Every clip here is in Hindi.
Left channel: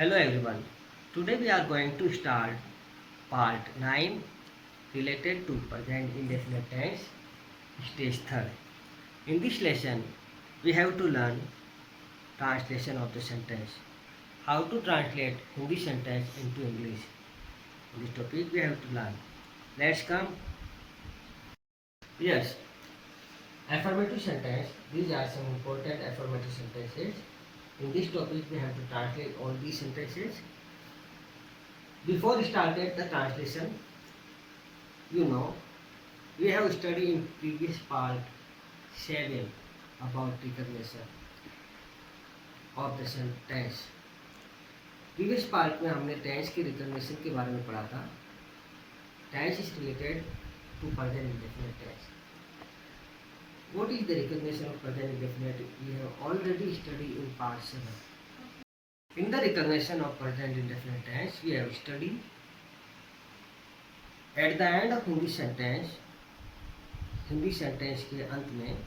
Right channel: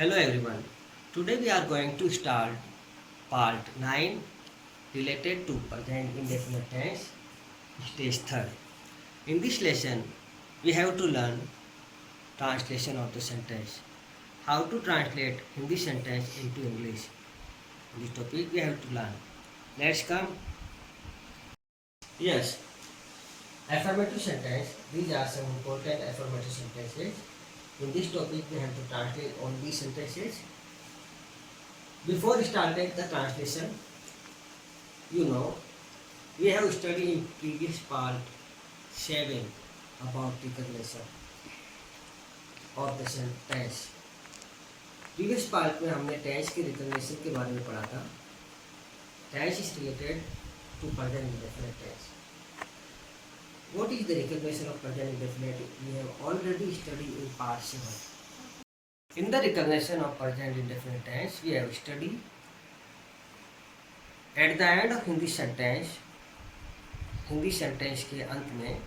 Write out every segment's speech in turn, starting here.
Hello everyone. Today we are going to start part 9 related to present indefinite tense stage 3rd. In this lesson we have to learn translation of the sentence. How to translate Hindi sentence into English. This topic we have to learn. Let's come. Yes, affirmative sentence. These are some important affirmative sentences. In this topic we have to translate all these sentences. Before starting the translation, we have studied in previous part 7 about recognition of the sentence. Previous part में हमने टेंस के रिकग्निशन के बारे में पढ़ा था. Tense is related to present indefinite tense. What is the recognition of present indefinite? We have already studied in part 7. In the recognition of present indefinite tense, we have studied at the end of Hindi sentence के अंत में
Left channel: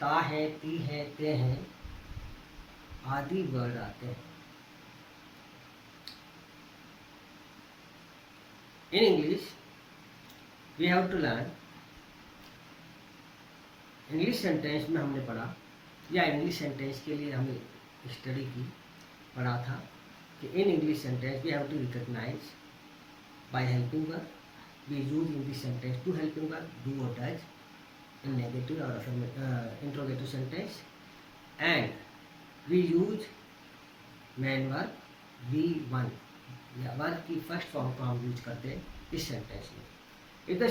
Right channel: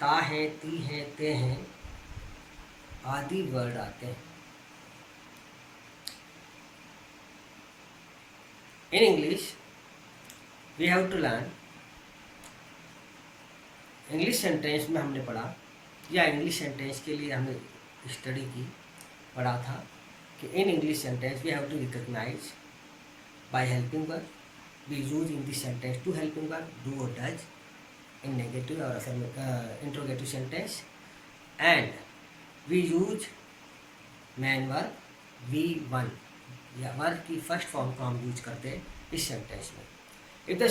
ता है, ती है, ते हैं आदि वर्ड आते हैं. In English, we have to learn. English sentence में हमने पढ़ा या इंग्लिश सेंटेंस के लिए हमने स्टडी की पढ़ा था कि in English sentence we have to recognise by helping verb. We use in this sentence two helping verb do और डज इन नेगेटिव और interrogative sentence, and we use main verb V1 या वर्ब की फर्स्ट फॉर्म को हम यूज करते हैं इस सेंटेंस में. If the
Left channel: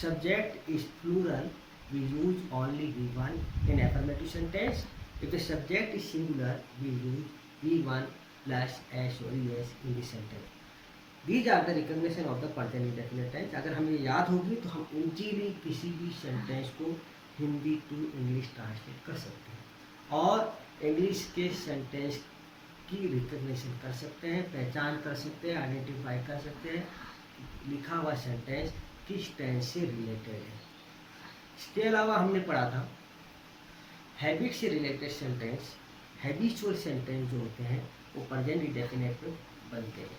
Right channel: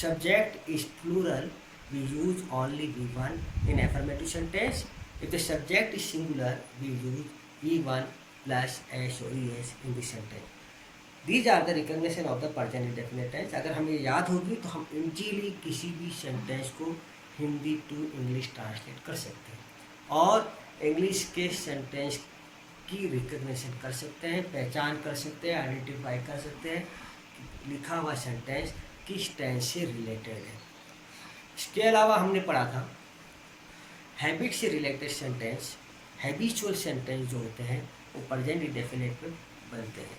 subject is plural we use only V1 in affirmative sentence. If the subject is singular, we use V1 plus S or ES in this sentence. These are the recognition of the present indefinite tense. अगर हमें याद होगी तो हम इजीली किसी भी सेंटेंस को हिंदी टू इंग्लिश ट्रांसलेट कर सकते हैं और इंग्लिश के सेंटेंस की रिकग्निशन कर सकते हैं, पहचान कर सकते हैं, आइडेंटिफाई कर सकते हैं कि लिखा हुआ सेंटेंस किस टेंस से रिलेटेड है. इसके अलावा हमने पढ़ा था हैबिट से रिलेटेड सेंटेंस, हैबिचुअल सेंटेंस जो होते हैं वो प्रेजेंट इंडेफिनिट में बनते हैं.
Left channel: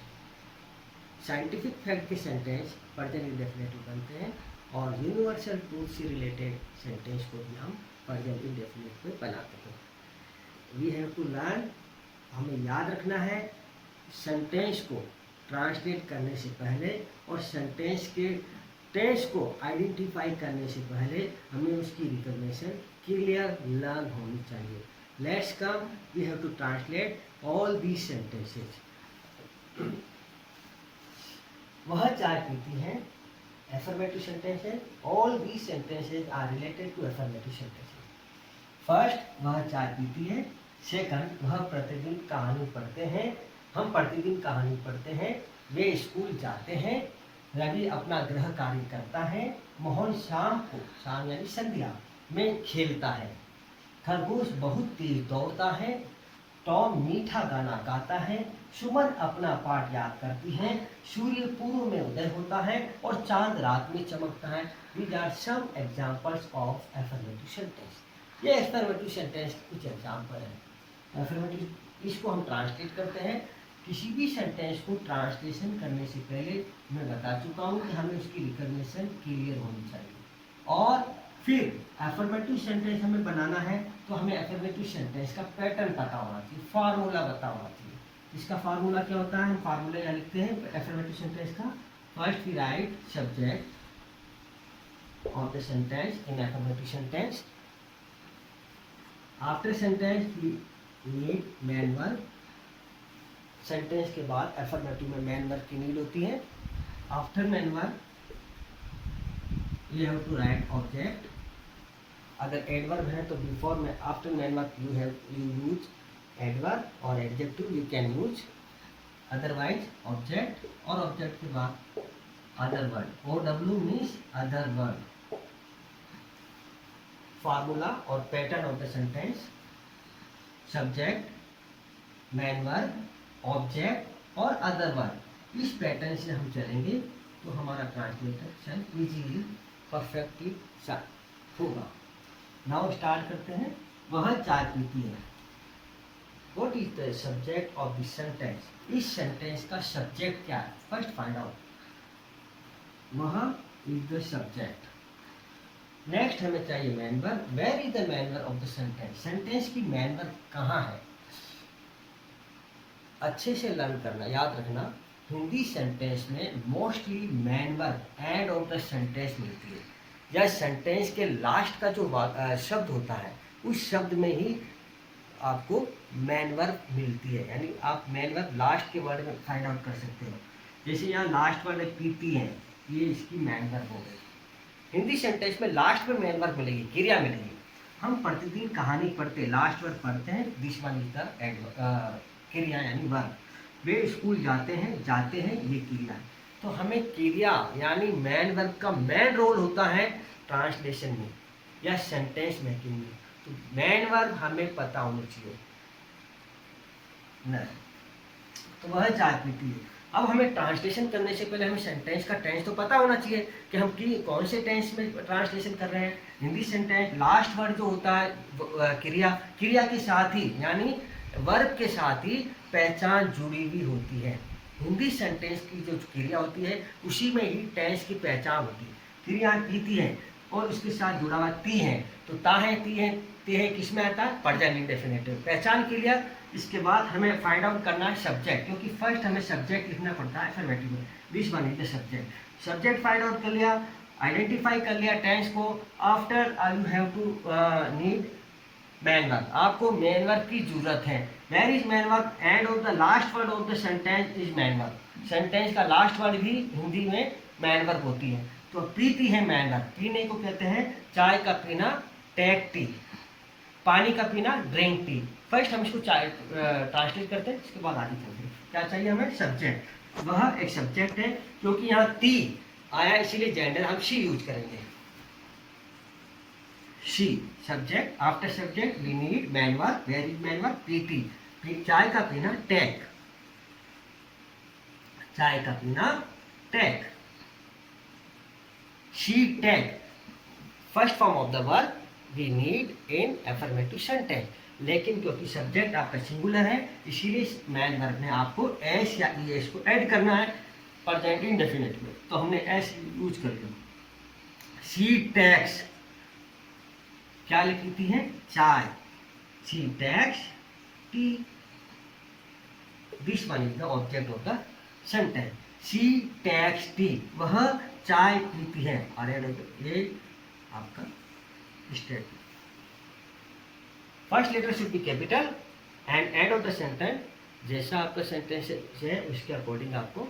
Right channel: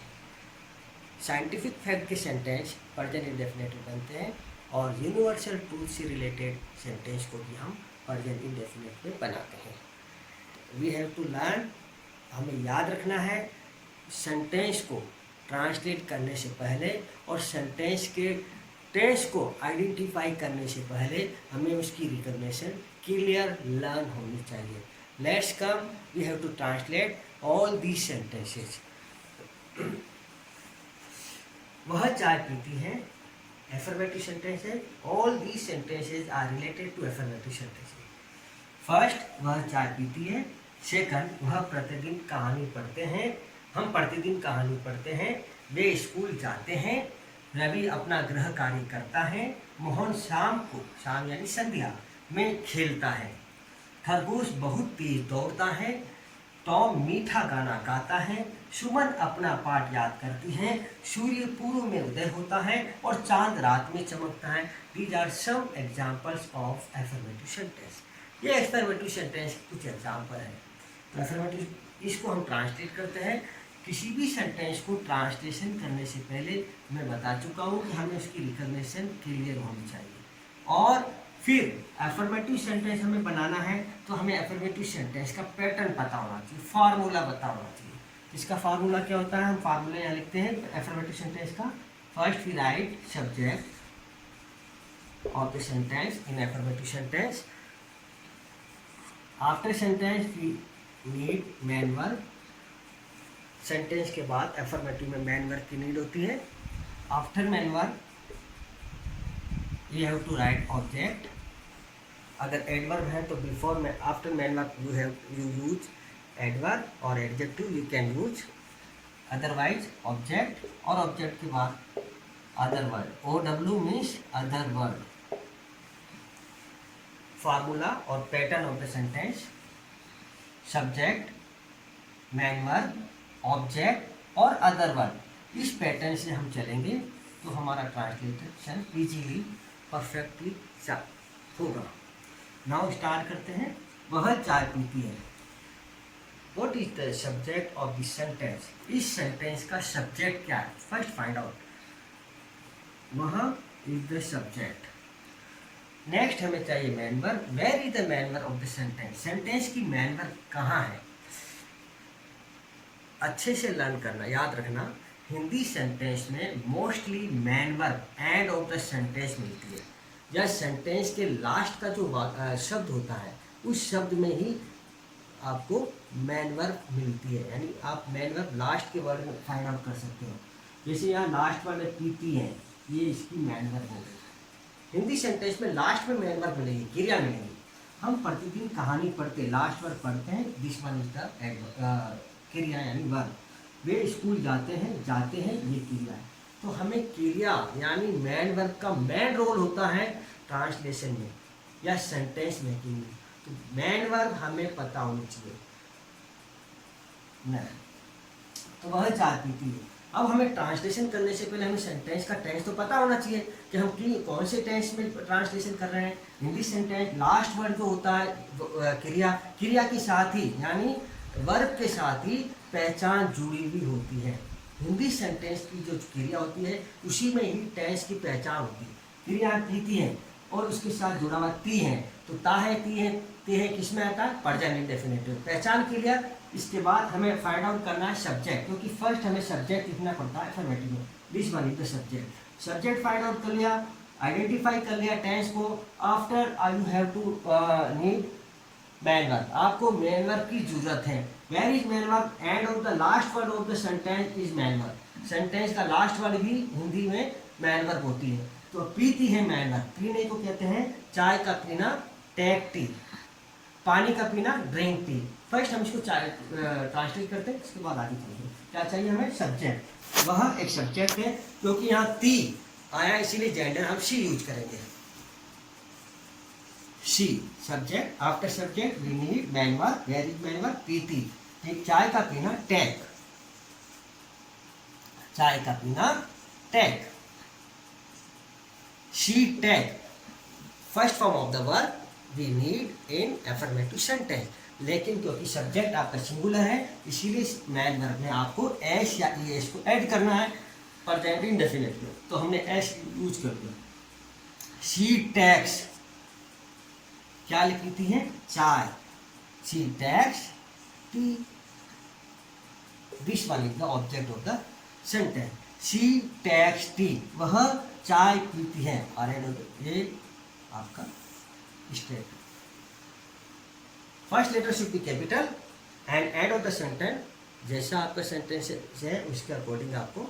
साइंटिफिक फैक्ट के सेंटेंस प्रेजेंट इंडेफिनिट में बनते हैं और यूनिवर्सल ट्रूथ से रिलेटेड सेंटेंस को भी हम प्रेजेंट इंडेफिनिट में बनाते हैं. We have to learn. हमें याद रखना है सेंटेंस को ट्रांसलेट करने से पहले और सेंटेंस के टेंस को आइडेंटिफाई करने से पहले हमें उसकी रिकग्निशन क्लियर लर्न होनी चाहिए. Let's come. We have to translate all these sentences. वह चाय पीती है, affirmative sentences. All these sentences are related to affirmative sentences. First, वह चाय पीती है. सेकंड, वह प्रतिदिन कहानी पढ़ते हैं. हम प्रतिदिन कहानी पढ़ते हैं. वे स्कूल जाते हैं. रवि अपना गृह कार्य करता है. मोहन शाम को, शाम यानी संध्या में खेलता है. खरगोश बहुत तेज दौड़ता है. टॉम मीठा गाना गाता है. सुमन अपना पाठ याद करती है. सूर्य पूर्व में उदय होता है और चांद रात में चमकता है. These are some examples of affirmative sentence. ये एफर्मेटिव सेंटेंस के कुछ एग्जाम्पल हैं. तो एफर्मेटिव इसको हम ट्रांसलेट करते हैं. किसी भी सेंटेंस को ट्रांसलेशन करने से पहले मैं बता चुका हूँ कि हमें उसकी रिकग्निशन क्लियर होनी चाहिए और फिर एफर्मेटिव सेंटेंस हमें बनाना है तो हमें एफर्मेटिव सेंटेंस का पैटर्न पता होना चाहिए, फार्मूला पता होना चाहिए. इसका फार्मूला क्या होता है? हम फार्मूला यहाँ लिखते हैं एफर्मेटिव सेंटेंस का. First we write subject of the sentence in affirmative sentence. After sentence we need main verb. Sentence के बाद एफर्मेटिव में मैन वर्ब की नीड होती है. After main verb you have to write object. अगर एडवर्ब है तो बिफोर में after main verb you use adverb और adjective you can use. Otherwise object और ऑब्जेक्ट के बाद other word. OW means other word. Formula और pattern of the sentence. Subject, main verb, object और अदर वर्ड. इस पैटर्न से हम चलेंगे तो हमारा ट्रांसलेशन इजीली परफेक्टली होगा. नाउ स्टार्ट करते हैं. वह चाय पीती है. What is the subject of the sentence, इस सेंटेंस का सब्जेक्ट क्या है, फर्स्ट फाइंड आउट, वह इज द सब्जेक्ट। नेक्स्ट हमें चाहिए main verb, where is the main verb of the sentence, sentence की मैन वर्ब कहाँ है। अच्छे से लर्न करना, याद रखना, हिंदी सेंटेंस में mostly main verb end of the sentence मिलती है, या सेंटेंस के लास्ट का जो शब्द होता है उस शब्द में ही आपको मैन वर्ब मिलती है, यानी आप मैन वर्ब लास्ट के वर्ड में फाइंड आउट कर सकते हो। जैसे यहाँ लास्ट वर्ड पीती है, ये इसकी मैन वर्ब हो गई। हिंदी सेंटेंस में लास्ट में मैन वर्ब मिलेगी, क्रिया मिलेगी। हम प्रतिदिन कहानी पढ़ते, लास्ट वर्ड पढ़ते हैं, दिस वन इज द क्रिया यानी वर्ब। वे स्कूल जाते हैं, ये क्रिया है। तो हमें क्रिया यानी मैन वर्ब का मेन रोल होता है ट्रांसलेशन में या सेंटेंस मेकिंग में। तो मैन वर्ब हमें पता होनी चाहिए नहीं, तो वह चार पीती है। अब हमें ट्रांसलेशन करने से पहले हमें सेंटेंस का टेंस तो पता होना चाहिए कि हम कौन से टेंस में ट्रांसलेशन कर रहे हैं। हिंदी सेंटेंस लास्ट वर्ड जो होता है क्रिया के साथ ही यानी वर्ब के साथ ही पहचान जुड़ी हुई होती है। हिंदी सेंटेंस की जो क्रिया होती है उसी में ही टेंस की पहचान होती है। क्रिया पीती है और उसके साथ जुड़ा हुआ ती है, तो ता है, ती है, ते है किस में आता है, प्रेजेंट इंडेफिनिटिव। पहचान क्लियर। इसके बाद हमें फाइंड आउट करना है सब्जेक्ट, क्योंकि फर्स्ट हमें सब्जेक्ट लिखना पड़ता है अफर्मेटिव में। This one is the subject. Subject find out कर लिया, आइडेंटिफाई कर लिया टेंस को। After you have to need main verb, आपको मैन वर्ब की जरूरत है। Where is main verb, end of the last word of the sentence is main verb. Sentence का लास्ट वर्ड भी हिंदी में मैन वर्ब होती है। तो पीती है मैन वर्ब, पीने को कहते हैं चाय का पीना टेक टी, पानी का पीना ड्रिंक टी। फर्स्ट हम इसको चाय ट्रांसलेट करते हैं, इसके बाद आगे चलते हैं। क्या चाहिए हमें, सब्जेक्ट। वह एक सब्जेक्ट है, क्योंकि यहाँ ती आया इसीलिए जेंडर हम शी यूज करेंगे। She subject, after subject we need main verb. Where is main verb, पीती, चाय का पीना टेक, चाय का पीना take, she take. First form of the verb we need in affirmative sentence. लेकिन क्योंकि सब्जेक्ट आपका सिंगुलर है इसीलिए मैन वर्ब में आपको एस या ई एस को ऐड करना है प्रेजेंट इंडेफिनिट में, तो हमने एस यूज कर लिया। शी टेक्स, क्या लिखती है, चाय, she takes tea. This one is the object of the sentence. She takes tea, वह चाय पीती है। और ये आपका statement. First letter should be capital and end of the sentence जैसा आपका सेंटेंस है उसके अकॉर्डिंग आपको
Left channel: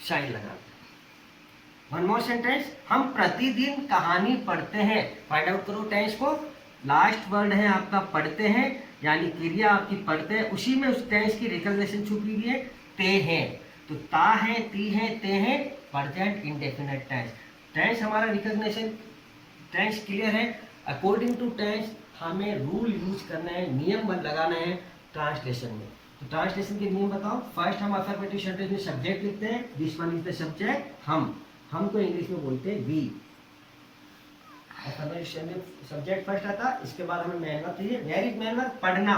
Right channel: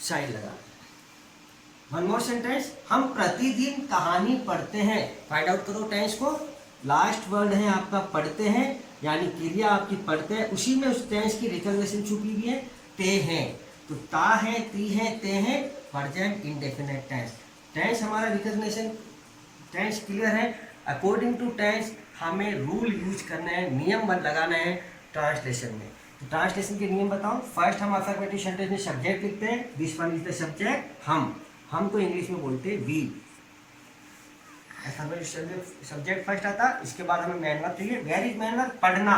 साइन लगाना। वन मोर सेंटेंस, हम प्रतिदिन कहानी पढ़ते हैं। फाइंड आउट करो टेंस को। लास्ट वर्ड है आपका पढ़ते हैं, यानी क्रिया आपकी पढ़ते हैं, उसी में उस टेंस की रिकॉग्निशन छुपी हुई है, ते हैं। तो ता है, ती है, ते हैं, प्रेजेंट इंडेफिनिट टेंस। टेंस हमारा रिकॉग्निशन टेंस क्लियर है। अकॉर्डिंग टू टेंस हमें रूल यूज करना है, नियम लगाना है ट्रांसलेशन में। तो ट्रांसलेशन के नियम बताओ। फर्स्ट हम अफर्मेटिव सेंटेंस में सब्जेक्ट लिखते हैं, this one is the subject. हम तो इंग्लिश में बोलते हैं वी। सब्जेक्ट फर्स्ट आता, इसके बाद हमें मैन वर्ब चाहिए। वेयर इज मैन वर्ब, पढ़ना,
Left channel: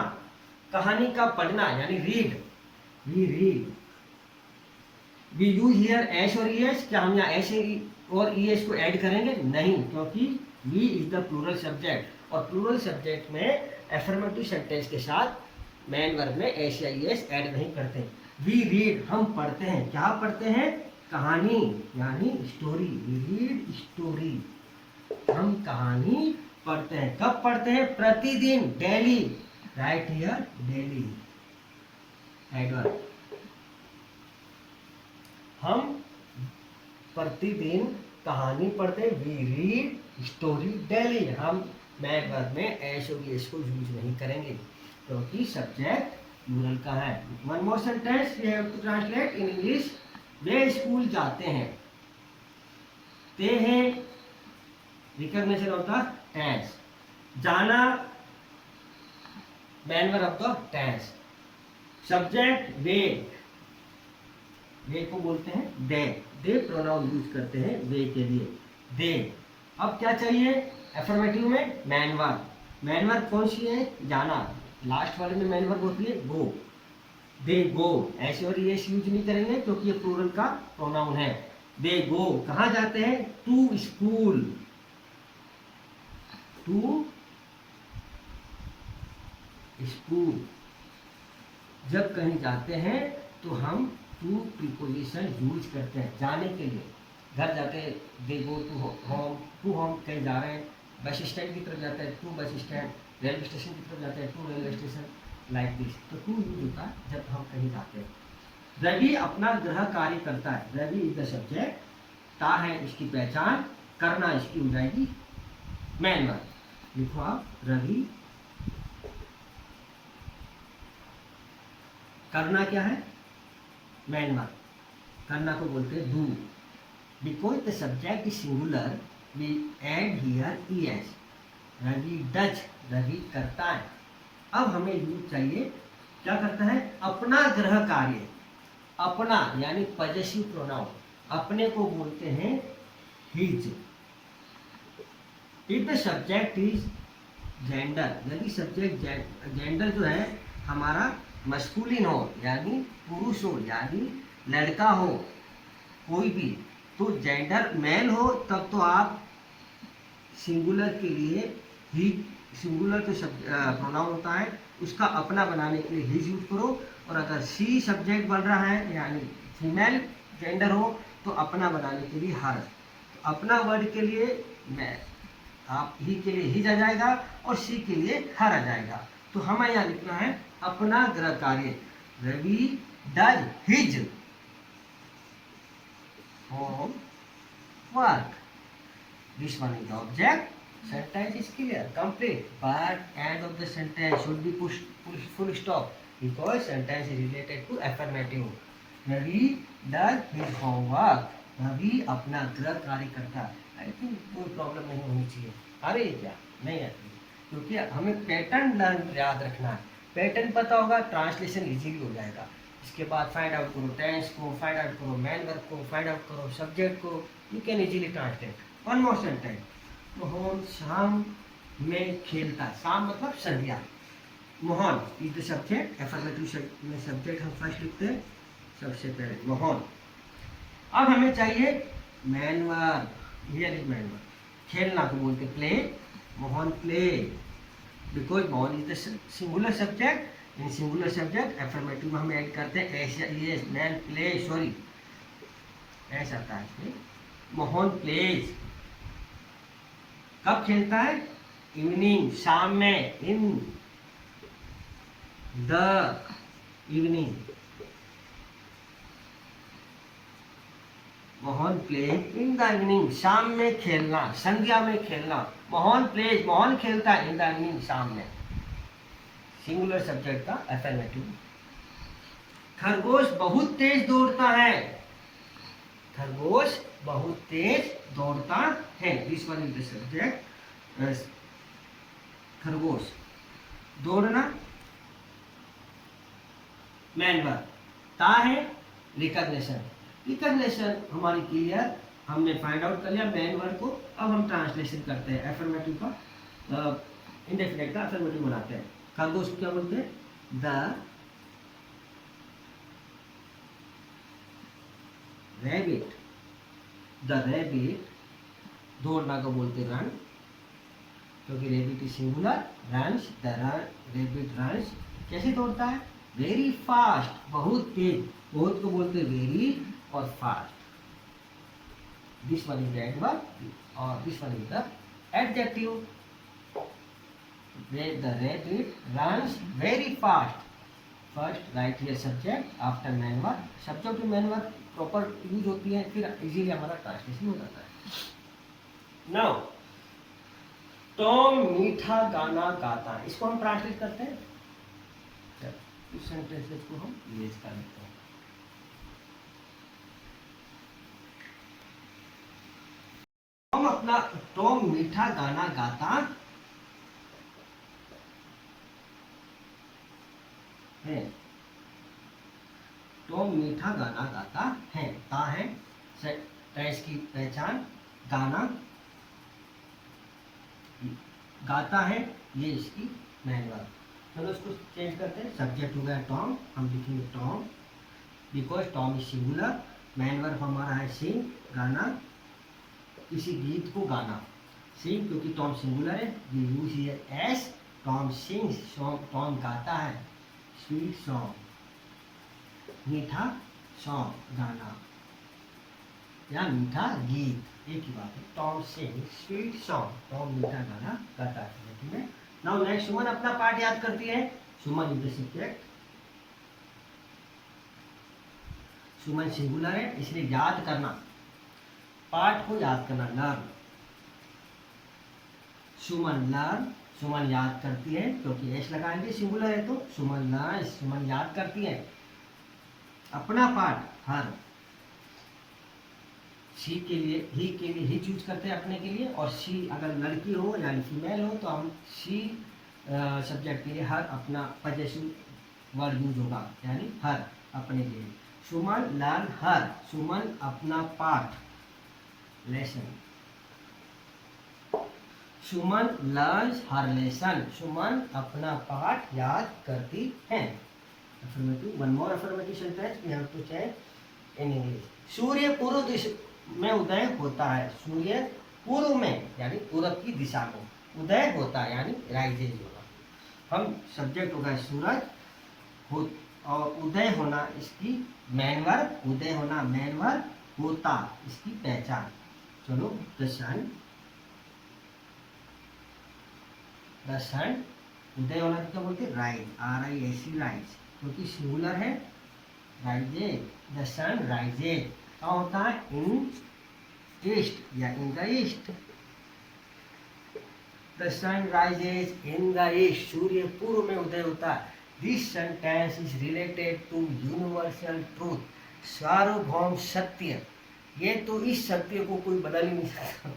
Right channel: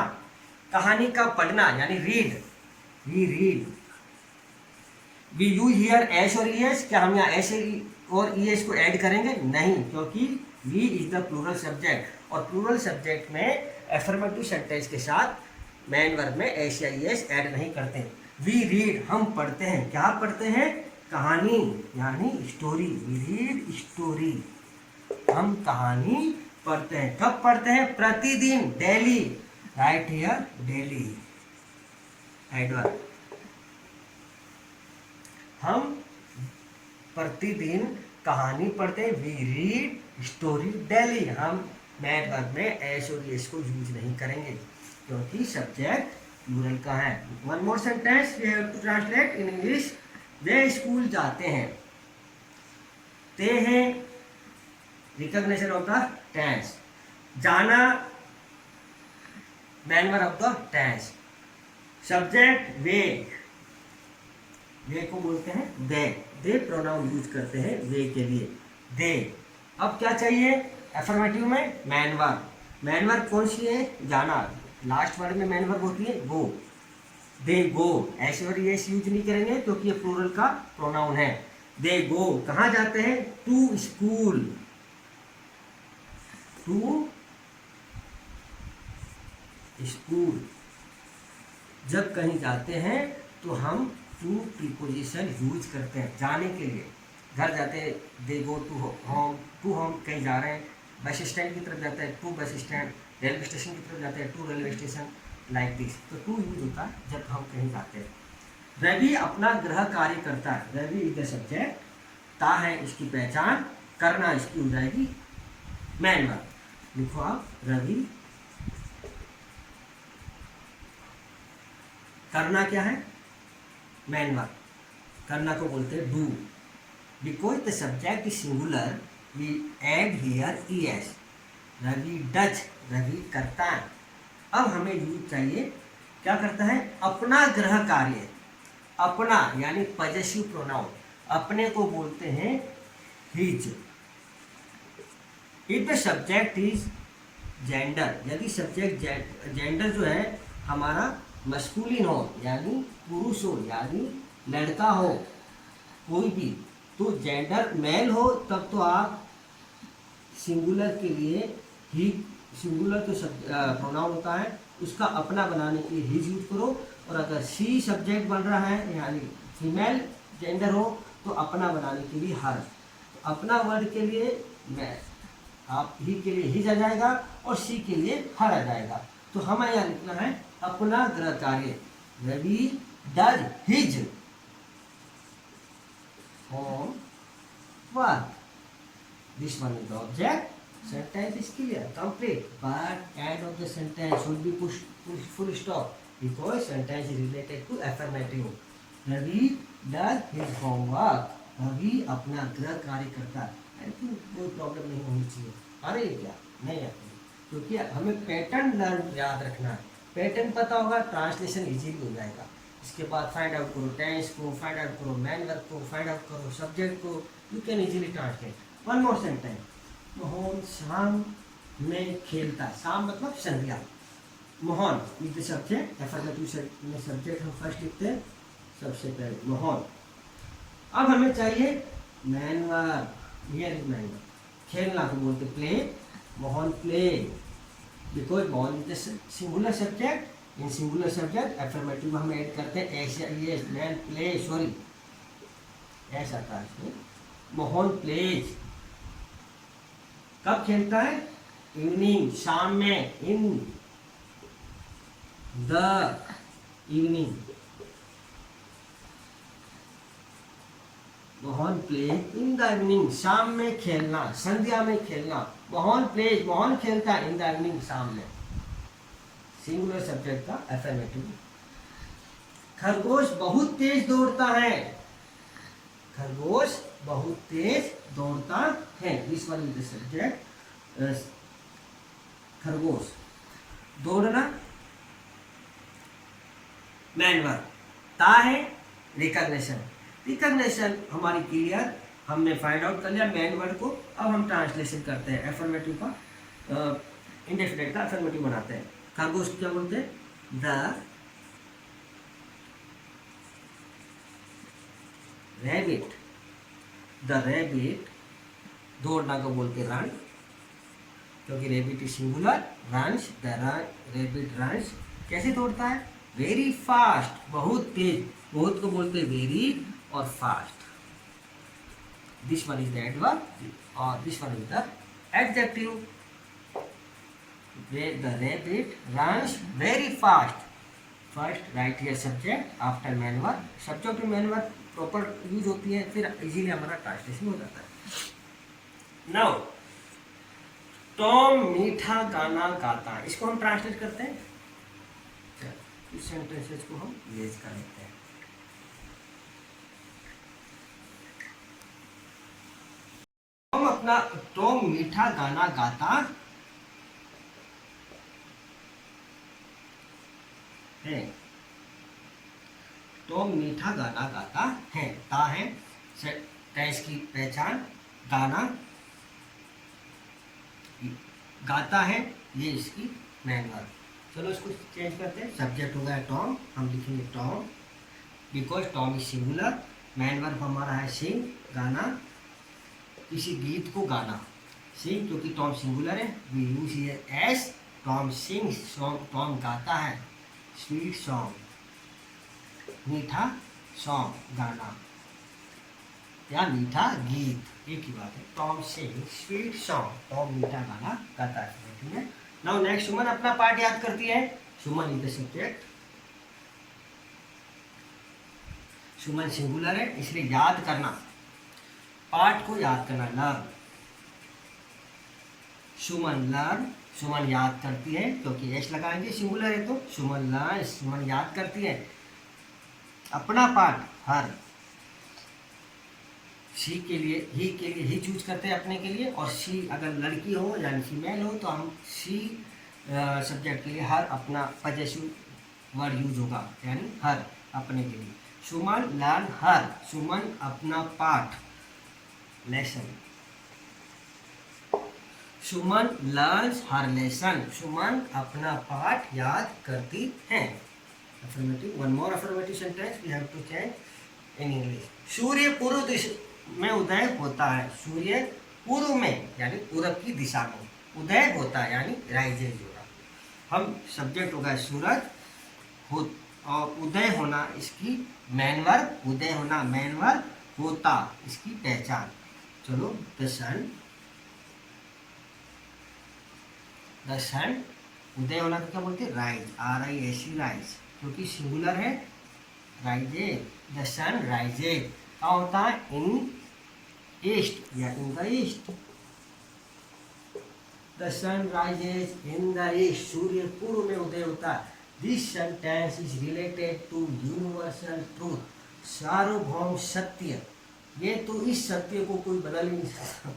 कहानी का पढ़ना यानी read, we read. We use here S और ई एस, क्या हम यहाँ एस और ई एस को ऐड करेंगे, नहीं, क्योंकि we is the plural subject और प्लूरल सब्जेक्ट में अफर्मेटिव सेंटेंस के साथ मैन वर्ब में एस या ई एस ऐड नहीं करते। वी रीड, हम पढ़ते हैं, क्या पढ़ते हैं, कहानी यानी स्टोरी। वी रीड स्टोरी, हम कहानी पढ़ते हैं। कब पढ़ते हैं, प्रतिदिन, daily. Write here daily, adverb. हम प्रतिदिन कहानी पढ़ते हैं, वी रीड स्टोरी डेली। हम मैन वर्ब में एस और एस को यूज नहीं करेंगे क्योंकि सब्जेक्ट प्लूरल का है। One more sentence we have to translate in English. वे स्कूल जाते हैं, ते हैं, रिकॉग्निशन ऑफ द टेंस। जाना, main verb of the tense. Subject वे को बोलते हैं दे प्रोनाउन यूज करते हैं वे के लिए, दे। अब क्या चाहिए अफर्मेटिव में, मैन वर्ब। मैन वर्ब कौन सी है, जाना, लास्ट वर्ड में मेन वर्ब होती है गो, दे गो। ऐसे और एस यूज नहीं करेंगे क्योंकि ये प्लूरल का प्रोनाउन है। दे गो कहाँ जाते हैं? To school, to school. जब कहीं जाते हैं तो हम टू प्रीपोजिशन यूज करते हैं जाने के लिए। घर जाते हैं they go to home, to home कहीं जा रहे हैं। बस स्टैंड की तरफ जाते हैं to bus stand, railway station की तरफ जाते हैं to railway station, like this. तो टू यूज होता है जब हम कहीं जाते हैं। रवि अपना गृह कार्य करता है, रवि इज द सब्जेक्ट, ता है इसकी पहचान, करना इसकी हो जाएगी मैन वर्ब। लिखो आप, रवि करना क्या है? Main verb. करना को बोलते हैं do. Because the subject is singular we add here ES. Ravi does, Ravi करता है। अब हमें यूज चाहिए, क्या करता है? अपना गृह कार्य। अपना यानी पजेसिव प्रोनाउन, अपने को बोलते हैं his. If the subject is gender, यदि सब्जेक्ट जेंडर जो है हमारा मस्कुलिन हो यानी पुरुष हो यानी लड़का हो कोई भी, तो जेंडर मेल हो तब तो आप सिंगुलर के लिए ही, सिंगुलर तो प्रोनाउन होता है उसका अपना बनाने के लिए हिज यूज करो। और अगर सी सब्जेक्ट बन रहा है यानी फीमेल जेंडर हो तो अपना बनाने के लिए हर। अपना वर्ड के लिए मैं, आप ही के लिए हिज आ जाएगा और सी के लिए हर आ जाएगा। तो हमें यहाँ लिखना है अपना गृह कार्य। Ravi does his homework. This one is the object. Sentence is clear, complete, but end of the sentence should be push full stop because sentence is related to affirmative. Ravi does his homework. Ravi अपना गृह कार्य करता है। आई थिंक कोई प्रॉब्लम नहीं होनी चाहिए। अरे क्या नहीं आती, क्योंकि हमें पैटर्न लर्न याद रखना है। पैटर्न पता होगा, ट्रांसलेशन इजीली हो जाएगा। इसके बाद फाइंड आउट करो टेंस को, फाइंड आउट करो मैन वर्ब को, फाइंड आउट करो सब्जेक्ट को, you can easily translate. One more sentence, Mohan शाम में खेलता। शाम मतलब संध्या। Mohan is the subject, affirmative में सब्जेक्ट हम फर्स्ट लिखते हैं सबसे पहले मोहन। अब हमें चाहिए main verb, here is main verb. खेलना को बोलते play, Mohan play, because Mohan is the singular subject. In singular subject affirmative में हम ऐड करते हैं ऐसा, ये मैन प्ले, सॉरी ऐसा आता है। मोहन प्लेज। कब खेलता है? इवनिंग, शाम में, in the evening. Mohan plays in the evening, शाम में खेलना, संध्या में खेलना। मोहन प्लेज, मोहन खेलता है इन द इवनिंग, शाम में। सिंगुलर सब्जेक्ट का एफर्मेटिव। खरगोश बहुत तेज दौड़ता है। खरगोश बहुत तेज दौड़ता है। This one is the subject. खरगोश, दौड़ना मैन वर्ब। ता है रिकॉग्निशन। रिकॉग्निशन हमारी क्लियर, हमने फाइंड आउट कर लिया मैन वर्ड को। अब हम ट्रांसलेशन करते हैं एफर्मेटिव का, इंडेफिनिट का एफर्मेटिव बनाते हैं। खरगोश क्या बोलते हैं? The rabbit. द रैबिट, दौड़ना को बोलते रन, क्योंकि rabbit is singular. Runs, the rabbit runs. कैसे दौड़ता है? वेरी फास्ट, बहुत तेज। बहुत को बोलते वेरी और fast. This one is the adverb और this one is the adjective. The rabbit runs very fast. First right here subject after main verb. Subject में मैन वर्ब प्रॉपर यूज होती है, फिर इजीली हमारा ट्रांसलेशन हो जाता है। नाउ टॉम मीठा गाना गाता है, इसको हम ट्रांसलेट करते हैं। इस सेंटेंसेस को हम यूज कर लेते हैं। टॉम मीठा गाना गाता है। टॉम मीठा गाना गाता है। ता है टेंस की पहचान, गाना गाता है ये इसकी मैन वर्ब। चलो इसको चेंज करते हैं। सब्जेक्ट हो गया टॉम, हम लिखेंगे Tom because Tom is singular. Man verb हमारा है सिंग, गाना, किसी गीत को गाना। सिंग क्योंकि टॉम सिंगुलर है, we use here S Tom sings song, Tom गाता है। स्वीट सॉन्ग, मीठा सॉन्ग, गाना या मीठा गीत, एक ही बात है। Tom sings sweet song, Tom मीठा गाना गाता है में। नाउ नेक्स्ट, सुमन अपना पार्ट याद करती है। Suman is the subject, Suman singular है इसलिए याद करना, पार्ट को याद करना, लर्न। सुमन लर्न, सुमन याद करती है क्योंकि एस लगाएंगे सिंगुलर है तो। सुमन लर्न, सुमन याद करती है। अपना पार्ट हर, शी के लिए ही चूज करते हैं अपने के लिए, और शी अगर लड़की हो यानी फीमेल हो तो हम शी सब्जेक्ट के लिए हर अपना पजेसिव वर्ड यूज होगा, यानी हर अपने के लिए। सुमन लर्न हर, सुमन अपना पाठ lesson. Suman learns her lesson, Suman अपना पाठ याद करती है। Affirmative, one more affirmative sentence we have to change in English. सूर्य पूर्व दिशा में उदय होता है, सूर्य पूर्व में यानी पूर्व की दिशा में उदय होता है यानी राइजेज होगा। हम सब्जेक्ट होगा सूरज हो, और उदय होना इसकी मैन वर्ब, उदय होना मैन वर्ब, होता इसकी पहचान। चलो, द सन, द सन, उदय होना तो क्या बोलते हैं, राइज, RISE राइज, क्योंकि सिंगुलर है। राइजेज, द सन राइजेज क्या होता है, इन ईस्ट या in the east. The sun rises in the east, सूर्य पूर्व में उदय होता है। This sentence is related to universal truth, सार्वभौम सत्य। ये तो इस सत्य को कोई बदल ही नहीं सकता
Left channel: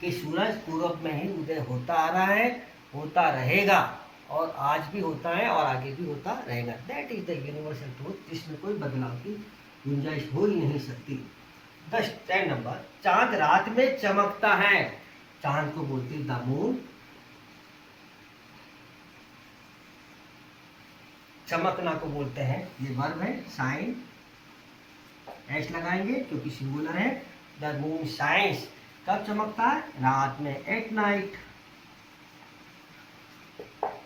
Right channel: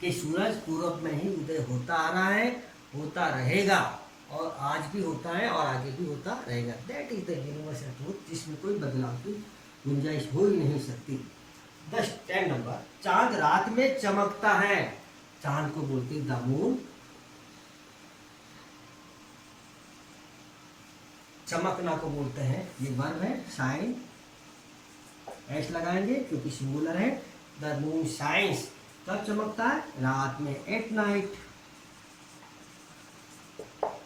कि सूरज पूर्व में ही उदय होता आ रहा है, होता रहेगा, और आज भी होता है और आगे भी होता रहेगा। That is the universal truth, जिसमें कोई बदलाव की गुंजाइश हो ही नहीं सकती। 10 नंबर, चांद रात में चमकता है, चांद को बोलते हैं द मून। चमकना को बोलते हैं, ये वर्ब है शाइन, एस लगाएंगे क्योंकि सिंगुलर है। द मून शाइन्स, कब चमकता है, रात में, एट नाइट।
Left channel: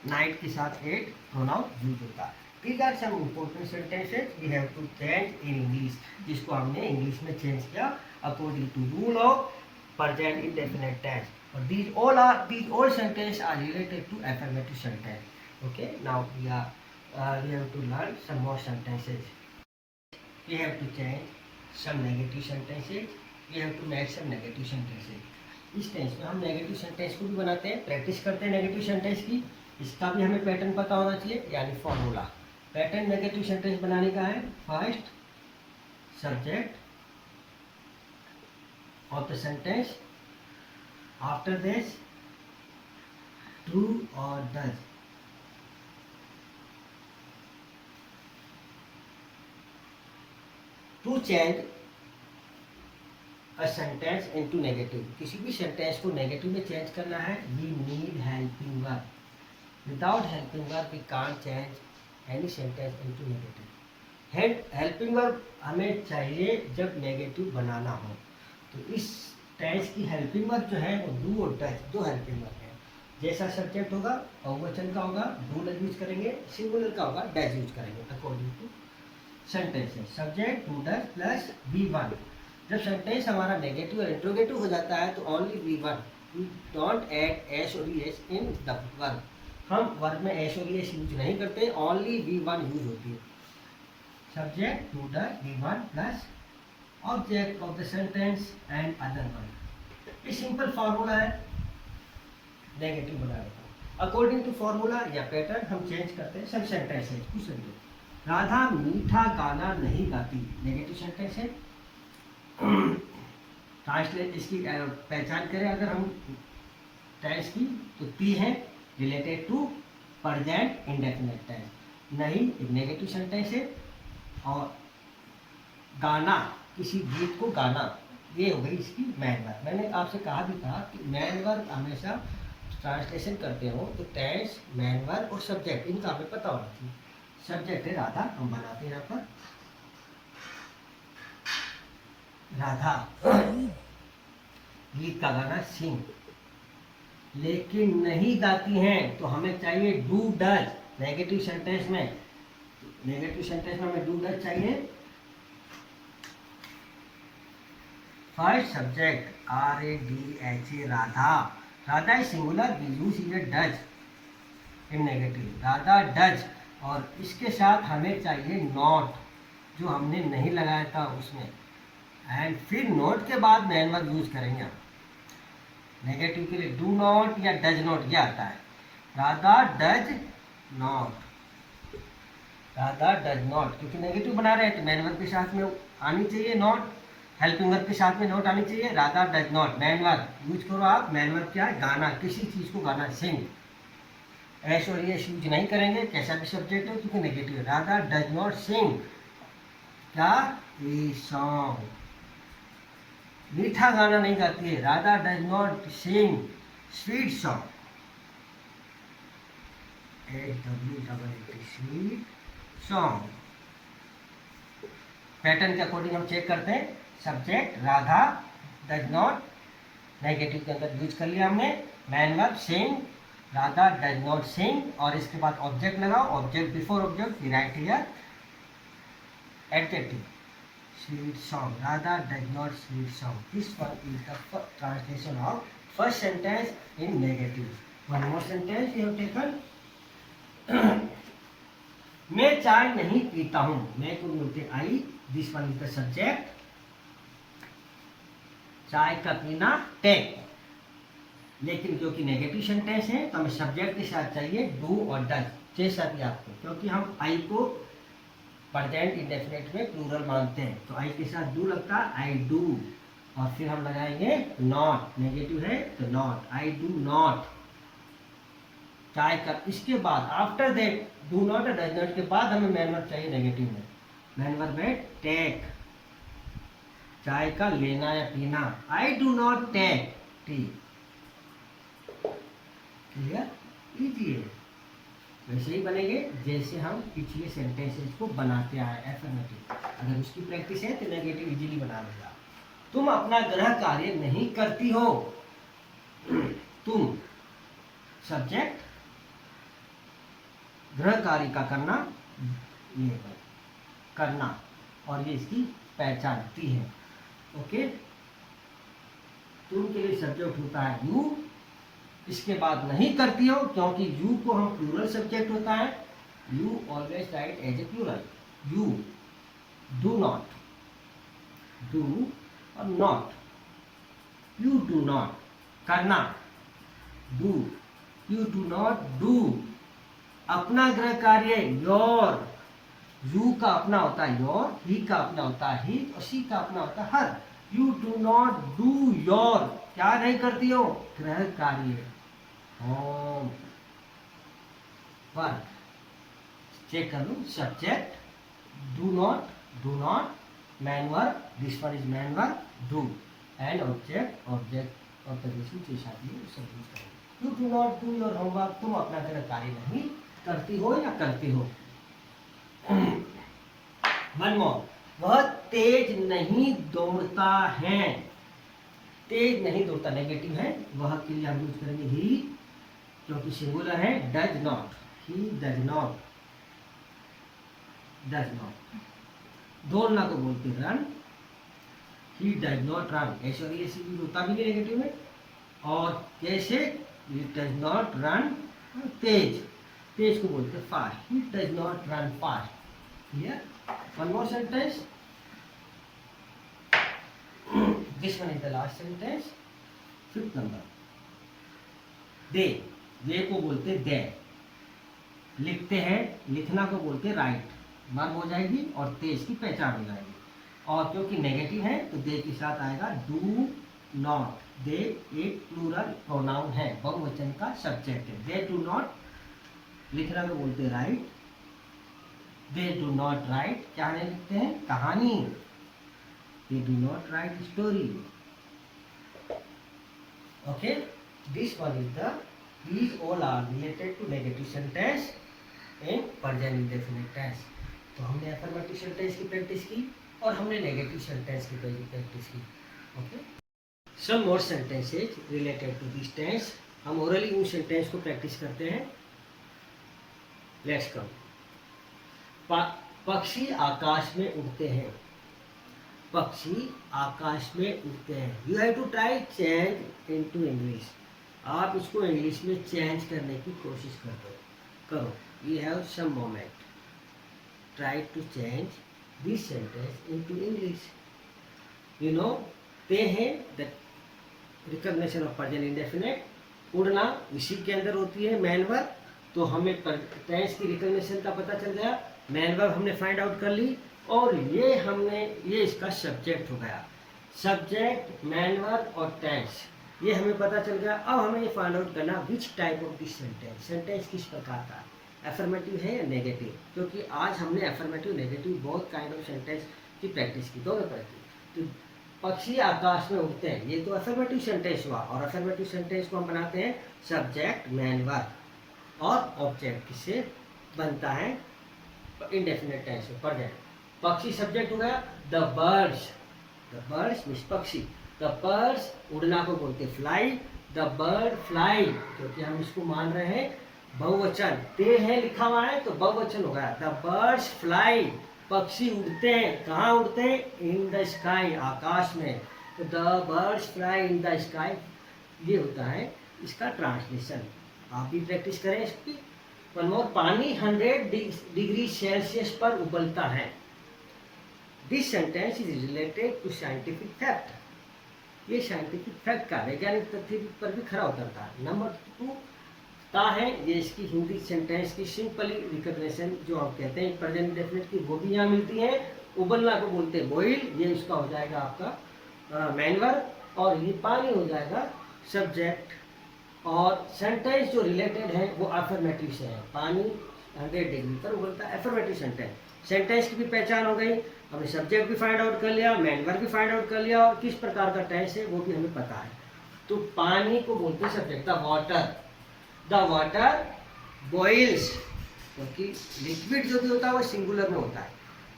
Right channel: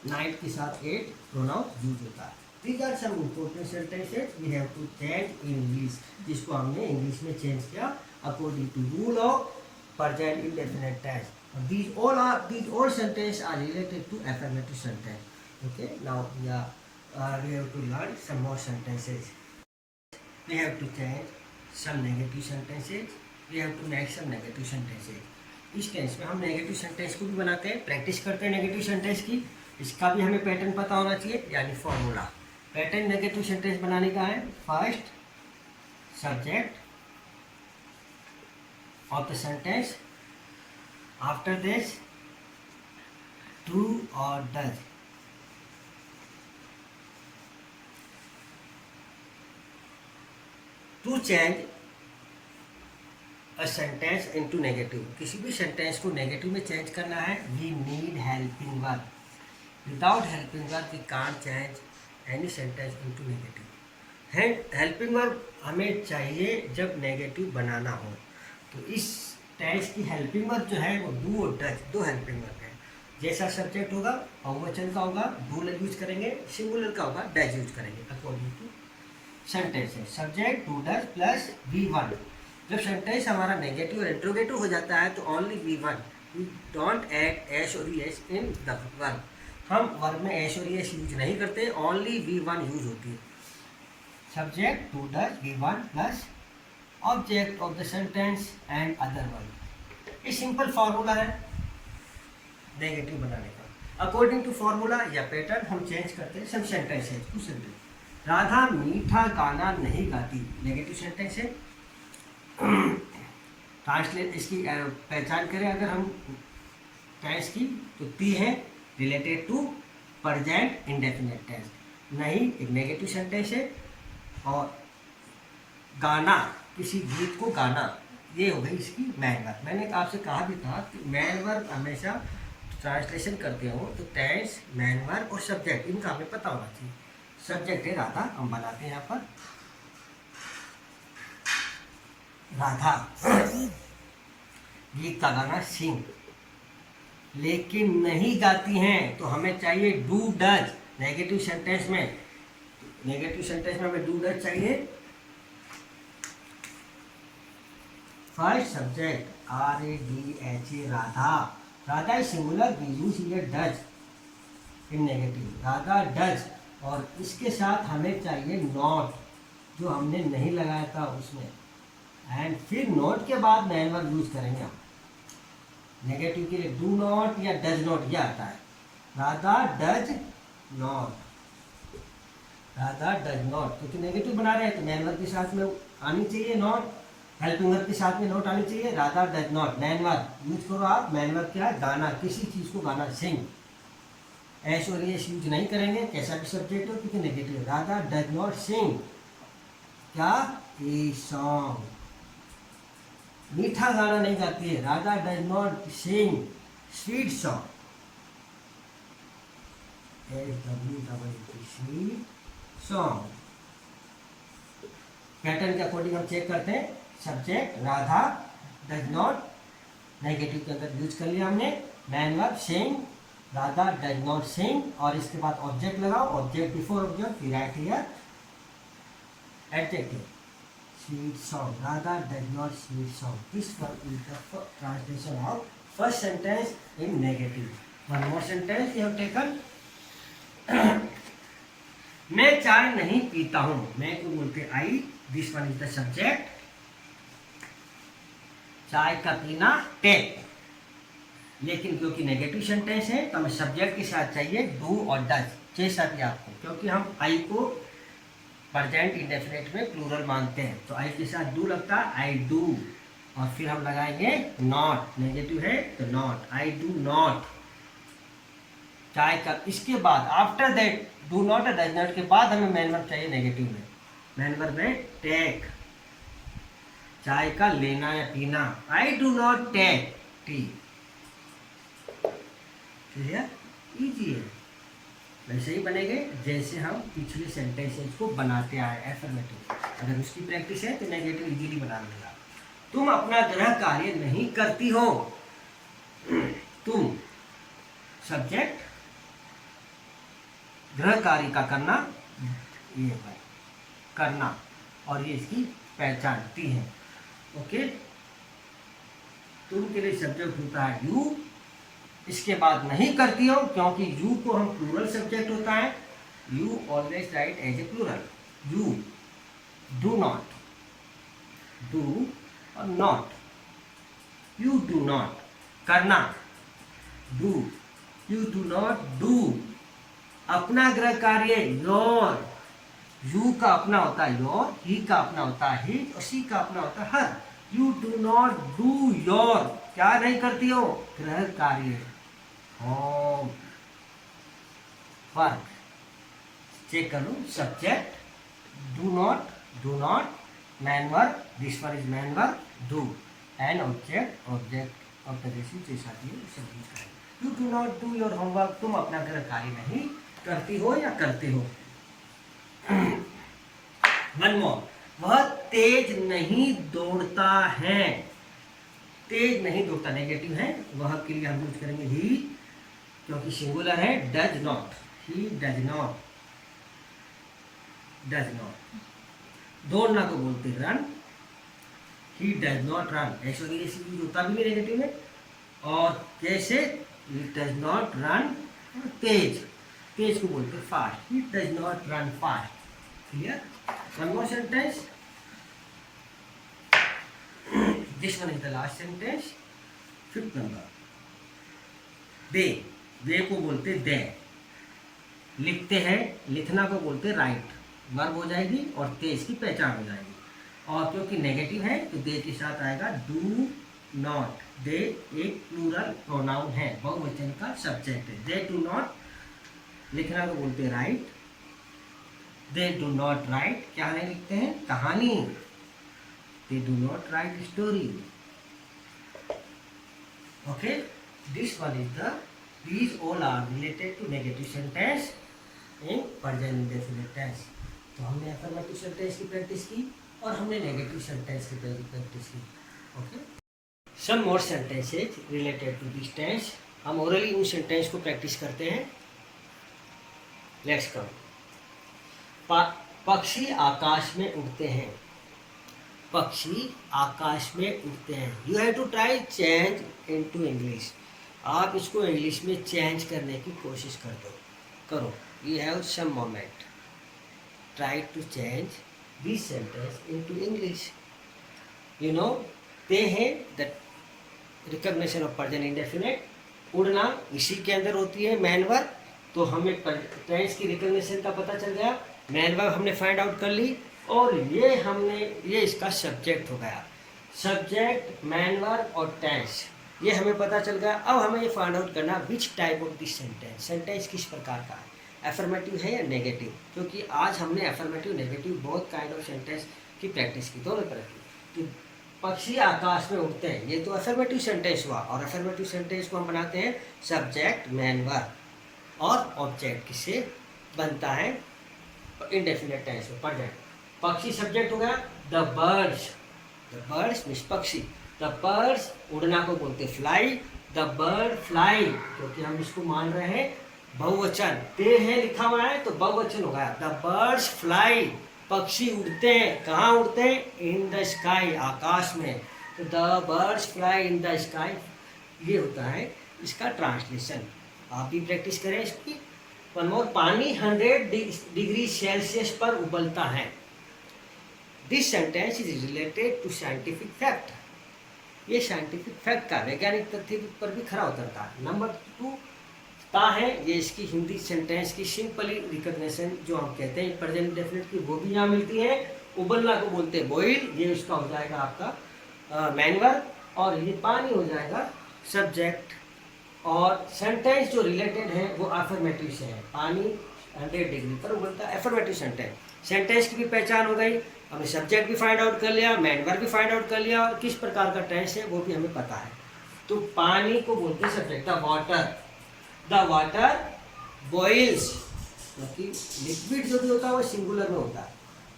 नाइट के साथ एट प्रोनाउन यूज होता है। These are some important sentences we have to change in English, जिसको हमने इंग्लिश में चेंज किया according to rule of present indefinite tense. और these all sentences are related to affirmative sentence. Okay, now we have to learn some more sentences. We have to change some negative sentences. We have to make some negative sentences. इस टेंस में हम नेगेटिव सेंटेंस को भी बनाते हैं, प्रैक्टिस करते हैं नेगेटिव सेंटेंस की। इसका भी हमें पैटर्न पता होना चाहिए, यानी फॉर्मूला। पैटर्न नेगेटिव सेंटेंस बनाने का है, first subject of the sentence, after this true और does. To change a sentence into negative, किसी भी सेंटेंस को नेगेटिव में चेंज करना है, we need helping verb. Without helping verb we can't change any sentence into negative. Helping verb हमें चाहिए जब नेगेटिव बनाना हो। तो इस टेंस की हेल्पिंग वर्ब जो है वो डू और डज, दो हेल्पिंग वर्ब है। जैसा सब्जेक्ट होगा बहुवचन का होगा डू यूज करेंगे, सिंगुलर का होगा डज यूज करेंगे, अकॉर्डिंग टू सेंटेंस है। Subject do does plus V1। जब सेंटेंस हमारा नेगेटिव और इंट्रोगेटिव हो जाता है तो only V1, we don't add S और ES इन द वर्ब। हम वर्ब में एस और ES यूज नहीं करते, ओनली V1 यूज होती है। Subject to does V1 plus object of the sentence and other verb. ये सिंपल फार्मूला है नेगेटिव बनाने का। अकॉर्डिंग टू फार्मूला या पैटर्न हम चेंज करते हैं सब सेंटेंसेज। कुछ सेंटेंस, राधा मीठा गाना नहीं गाती, नेगेटिव सेंटेंस है। ट्रांसलेट इसकी पहचान करें अगर हम टेंस की, तो ती है related to present indefinite tense, नहीं एक नेगेटिव सेंटेंस है। और गाना, किसी गीत को गाना, ये हो गई इसकी मैन वर्ब। मैंने आपसे कहा भी था कि मैन वर्ब हमेशा ट्रांसलेशन करते हो तो टेंस, मैन वर्ब और सब्जेक्ट इनका हमें पता होना चाहिए। सब्जेक्ट है राधा, हम बनाते हैं यहाँ पर राधा गीत का गाना सिंग, लेकिन नहीं गाती हैं तो हमें चाहिए डू डज। नेगेटिव सेंटेंस में हमें डू डज चाहिए। First subject RADHA Radha, Radha is singular, we use here does in negative, Radha does. और इसके साथ हमें चाहिए नॉट, जो हमने नहीं लगाया था उसमें, एंड फिर नॉट के बाद मैन वर्ब यूज करेंगे हम। नेगेटिव के लिए डू नॉट या डज नॉट ये आता है। Radha does not, Radha does not, क्योंकि नेगेटिव बना रहे हैं तो मैन वर्ब के साथ में आनी चाहिए नॉट, हेल्पिंग वर्ब के साथ में नॉट आनी चाहिए। Radha does not, main verb use करो आप। मैन वर्ब क्या है? गाना, किसी चीज़ को गाना, सिंग। ऐश और यश यूज नहीं करेंगे, कैसा भी सब्जेक्ट हो, क्योंकि नेगेटिव है। राधा डज नॉट सिंग क्या? ए सॉन्ग, मीठा गाना नहीं गाती है। Radha does not sing sweet song, SWEET sweet song. Pattern के अकॉर्डिंग हम चेक करते हैं। Subject Radha does not, negative के अंदर यूज कर लिया हमने। Main verb sing, Radha does not sing, और इसके बाद ऑब्जेक्ट लगाओ, object before object, right here adjective sweet song, Radha does not sweet song. This one is the translation of first sentence in negative. One more sentence you have taken. मैं चाय नहीं पीता हूँ, मैं को बोलते I, this one is the subject. चाय का पीना टेक, लेकिन क्योंकि नेगेटिव सेंटेंस है तो हमें सब्जेक्ट के साथ चाहिए डू और डज, जैसा कि आपको, क्योंकि हम आई को प्रेजेंट इंडेफिनिट में प्लूरल मानते हैं तो आई के साथ डू लगता है, आई डू, और फिर हम लगाएंगे नॉट, नेगेटिव है तो नॉट, आई डू नॉट। चाय का, इसके बाद आफ्टर दैट डू नॉट और डज नॉट के बाद हमें मैन वर्ब चाहिए नेगेटिव में। मैन वर्ब है टेक, चाय का लेना या पीना, I do not take tea. Clear? Easy है। वैसे ही बनेंगे जैसे हम पिछले सेंटेंसेस को बनाते आए एफर्मेटिव। अगर उसकी प्रैक्टिस है तो नेगेटिव इजीली बना लेगा। तुम अपना गृह कार्य नहीं करती हो, तुम सब्जेक्ट, गृह कार्य का करना, ये करना, और ये इसकी पहचानती है। ओके, तुम के लिए सब्जेक्ट होता है यू, इसके बाद नहीं करती हो क्योंकि यू को हम प्लूरल सब्जेक्ट होता है, you always write as a plural. You do not, do और नॉट, यू डू नॉट करना, do, you do not do. अपना गृह कार्य योर, यू का अपना होता है योर, ही का अपना होता है हिज, और शी का अपना होता है her. You do not do your, क्या नहीं करती हो? गृह कार्य, होम वर्क। चेक कर लो, subject do not, main verb, this one is main verb do, and object of the receive जैसा भी सब यूज करेंगे। You do not do your homework, तुम अपना गृह कार्य नहीं करती हो या करते हो। मनमोहन, वह तेज नहीं दौड़ता है, तेज नहीं दौड़ता नेगेटिव है, वह के लिए हम यूज करेंगे ही, क्योंकि सिंगुलर है। Does not, he does not, does not. दौड़ना को बोलते run, he does not run, ऐसा यूज होता भी नहीं नेगेटिव में। और जैसे ही डज नॉट रन, तेज, तेज को बोलते fast, he does not run fast. Clear? One more sentence, this one is the last sentence, fifth number. दे को बोलते दे, लिखते हैं, लिखना को बोलते राइट, वर्ब हो जाएगी और तेज की पहचान हो जाएगी। और क्योंकि नेगेटिव है तो दे के साथ आएगा डू नॉट। दे एक प्लूरल प्रोनाउन है, बहुवचन का सब्जेक्ट है। दे डू नॉट, लिखना को बोलते right, they do not right, क्या नहीं लिखते हैं? कहानी। They do not write story. Okay, this one is the These all are related to negative sentence in present indefinite tense. तो हमने अफर्मेटिव सेंटेंस की प्रैक्टिस की और हमने नेगेटिव सेंटेंस की प्रैक्टिस की. Okay. Some more sentences related to this tense. हम ओरली उन सेंटेंस को प्रैक्टिस करते हैं. Let's come. पक्षी आकाश में उड़ते हैं. पक्षी आकाश में उड़ते हैं. You have to try change into English. आप इसको इंग्लिश में चेंज करने की कोशिश करो. You have some moment. Try to change this sentence into English. You know ते हैं the recognition of present indefinite. उड़ना इसी के अंदर होती है मैन वर्ब. तो हमें टेंस की रिकॉग्निशन का पता चल गया. मैन वर्ब हमने फाइंड आउट कर ली और ये इसका सब्जेक्ट हो गया. सब्जेक्ट, मैन वर्ब और टेंस ये हमें पता चल गया. अब हमें ये फाइंड आउट करना which type of this sentence. Sentence किस प्रकार का है, एफर्मेटिव है या नेगेटिव. क्योंकि आज हमने affirmative negative both kind of sentence की प्रैक्टिस की, दोनों तरह की. पक्षी आकाश में उड़ते हैं, ये तो अफर्मेटिव सेंटेंस हुआ. और अफर्मेटिव सेंटेंस को हम बनाते हैं सब्जेक्ट, मैन वर्ब और ऑब्जेक्ट. किससे बनता है, इंडेफिनिट टेंस में प्रेजेंट. पक्षी सब्जेक्ट हो गया. द बर्ड्स मीन्स पक्षी. द बर्ड्स उड़ना को बोलते फ्लाई. द बर्ड फ्लाई, क्योंकि हम इसको मान रहे हैं बहुवचन. ते है लिखा हुआ है तो बहुवचन हो गया. द बर्ड्स फ्लाई, पक्षी उड़ते हैं. कहाँ उड़ते हैं, इन द स्काई, आकाश में. तो the birds fly in the sky, ये होता है इसका ट्रांसलेशन. आप भी प्रैक्टिस करें इसकी. One more. पानी 100 डिग्री सेल्सियस पर उबलता है. This sentence is related to scientific fact. ये साइंटिफिक फैक्ट का वैज्ञानिक तथ्य पर भी खरा उतरता है. नंबर 2 ता है, ये इसकी हिंदी सेंटेंस की सिंपली रिकॉग्निशन जो हम कहते हैं प्रेजेंट डेफिनेट की, वो भी यहाँ मिलती है. उबलना को बोलते हैं बॉइल, ये इसका हो जाएगा आपका मैन वर्ब. और ये पानी हो जाएगा सब्जेक्ट. और सेंटेंस जो रिलेटेड है वो अफर्मेटिव से है. पानी 100 डिग्री पर उबलता है, अफर्मेटिव सेंटेंस. सेंटेंस की भी पहचान हो गई. हमने सब्जेक्ट भी फाइंड आउट कर लिया, मैन वर्ब भी फाइंड आउट कर लिया और किस प्रकार का टेंस है वो भी हमें पता है. तो पानी को बोलते हैं सब्जेक्ट. द वाटर बॉइल्स, क्योंकि लिक्विड जो भी होता है वो सिंगुलर में होता है.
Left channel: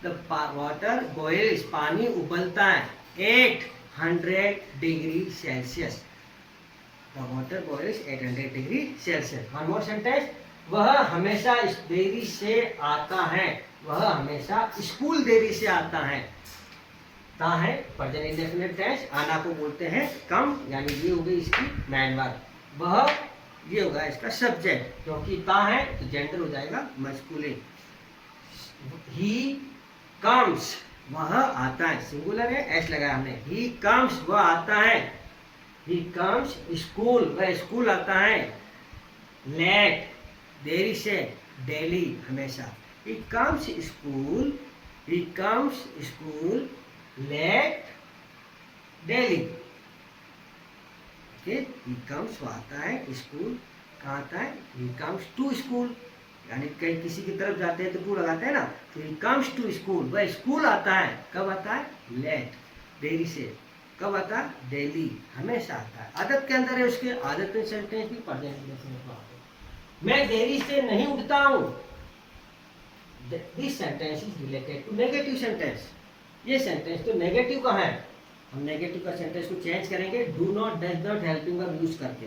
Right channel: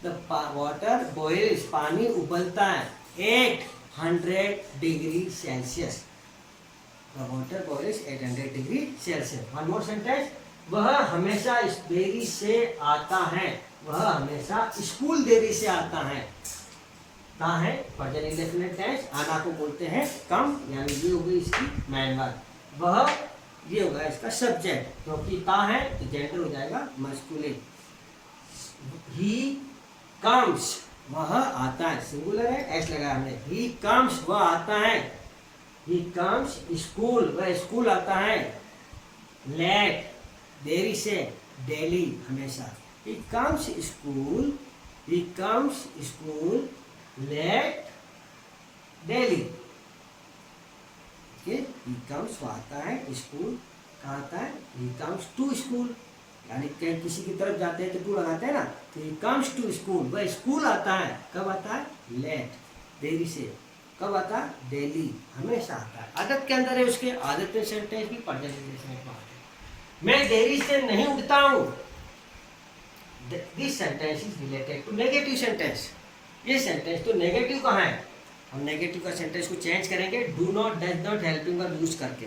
द वाटर बॉइल्स, पानी उबलता है 800 degree Celsius. The water boils 800 degree Celsius. One more sentence. वह हमेशा इस देरी से आता है. वह हमेशा स्कूल देरी से आता है. ता है प्रेजेंट इंडेफिनिट टेंस. आना को बोलते हैं कम, यानी ये हो गई इसकी मैन वर्ब. वह, ये होगा इसका सब्जेक्ट, क्योंकि ता है तो जेंडर हो जाएगा मस्कुलिन. ही कम्स, वह आता है, सिंगुलर है, एस लगाया हमने. ही कम्स, वह आता है. ही कम्स स्कूल, वह स्कूल आता है. लेट, देरी से, डेली, हमेशा. He comes school, he comes school late, daily. He comes, वो आता है. स्कूल कहाँ आता है, ही कम्स टू स्कूल, यानी कहीं किसी की तरफ जाते हैं तो टू लगाते हैं ना. तो ही कम्स टू स्कूल, वह स्कूल आता है. कब आता है, लेट, देरी से. कब आता है, डेली, हमेशा आता है. आदत के अंदर है उसके. आदत में सेंटेंस भी प्रेजेंट इंडेफिनिट में आते हैं. मैं देरी से नहीं उठता हूँ. This sentence is related to negative sentence. ये सेंटेंस तो नेगेटिव का है. हम नेगेटिव का सेंटेंस को चेंज करेंगे do not, does not, helping verb use करके,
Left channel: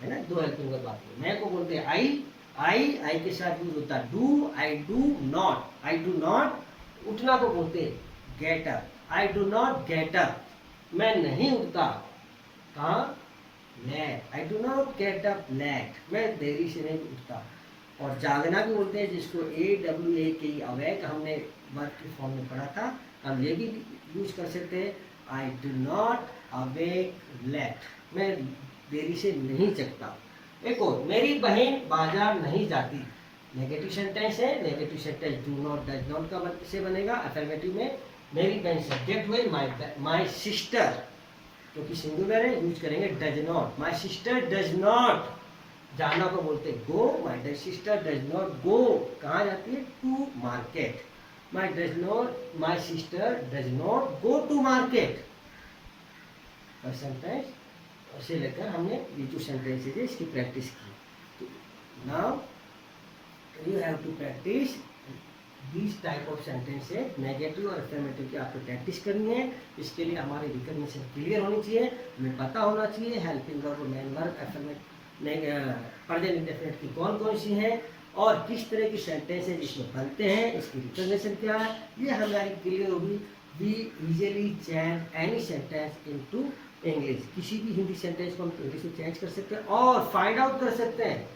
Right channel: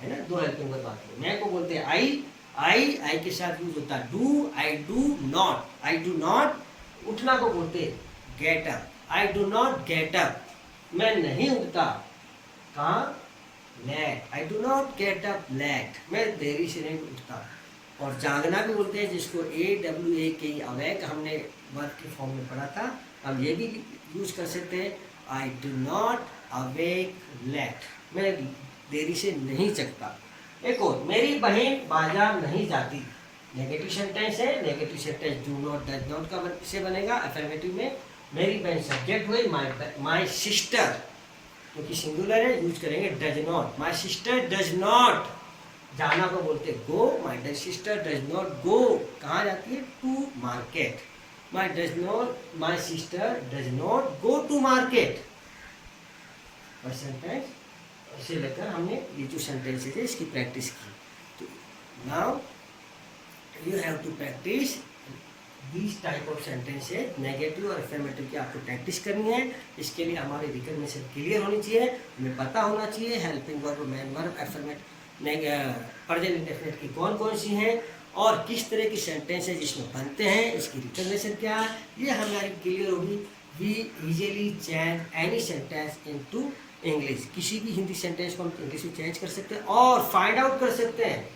है ना. दो हेल्पिंग वर्ब आते हैं. मैं को बोलते हैं आई के साथ यूज होता है do. I do not, I do not. उठना को बोलते हैं get up. I do not get up, मैं नहीं उठता. कहाँ, late. I do not get up late, मैं देरी से नहीं उठता. और जागना भी बोलते हैं, जिसको AWAKE, अवेक, हमने वर्ब के फॉर्म में पढ़ा था. हम ये भी यूज कर सकते हैं I do not awake late, मैं देरी से नहीं जगता. एक और, मेरी बहन बाजार नहीं जाती. नेगेटिव सेंटेंस है. Negative sentence do not, does not का से बनेगा. अफर्मेटिव में मेरी बहन सब्जेक्ट हुई. माई सिस्टर, क्योंकि सिंगुलर है, यूज करेंगे does not. My sister does not, जाना को बोलते go. My sister does not go, कहाँ जाती है, to market. My sister does not go to market. Sentence इसे लेकर हमने ये जो सेंटेंसेज है इसकी प्रैक्टिस की। तो now you have to practice this type of sentences, negative और अफर्मेटिव की आपको प्रैक्टिस करनी है। इसके लिए हमारी रिकग्निशन क्लियर होनी चाहिए, हमें पता होना चाहिए helping verb, main verb, affirmative, present indefinite की कौन कौन सी हैं और किस तरह की सेंटेंसेज इसमें बनते हैं, इसकी रिकग्निशन क्या है, ये हमारी क्लियर होगी। We easily change any sentence into English, किसी भी हिंदी सेंटेंस को हम इंग्लिश में चेंज कर सकते हैं और फाइंड आउट कर सकते हैं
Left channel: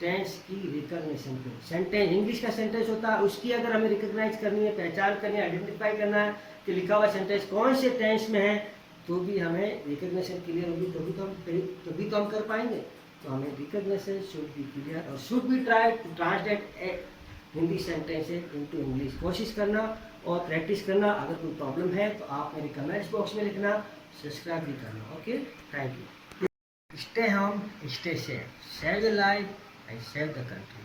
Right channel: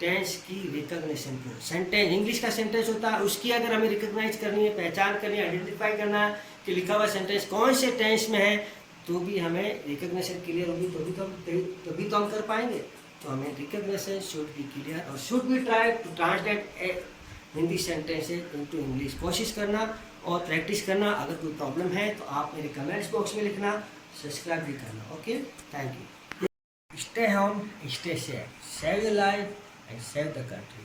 टेंस की रिकग्निशन को। सेंटेंस इंग्लिश का सेंटेंस होता है, उसकी अगर हमें रिकग्नाइज करनी है, पहचान करनी है, आइडेंटिफाई करना है कि लिखा हुआ सेंटेंस कौन से टेंस में है, तो भी हमें रिकग्निशन क्लियर होगी, तभी तो हम कर पाएंगे। तो हमें रिकग्निशन शुड बी क्लियर और should be try to translate Hindi sentences into English. कोशिश करना और प्रैक्टिस करना। अगर कोई प्रॉब्लम है तो आप मेरे कमेंट्स बॉक्स में लिखना, सब्सक्राइब भी करना। Okay, thank you. Stay home, stay safe, save your life and save the country.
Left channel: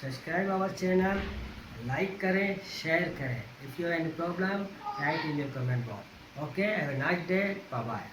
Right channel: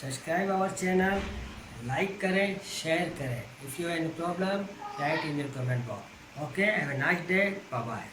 Subscribe our channel, like करें, शेयर करें। If you have any problem, write in your comment box. Okay, have a nice day, bye bye.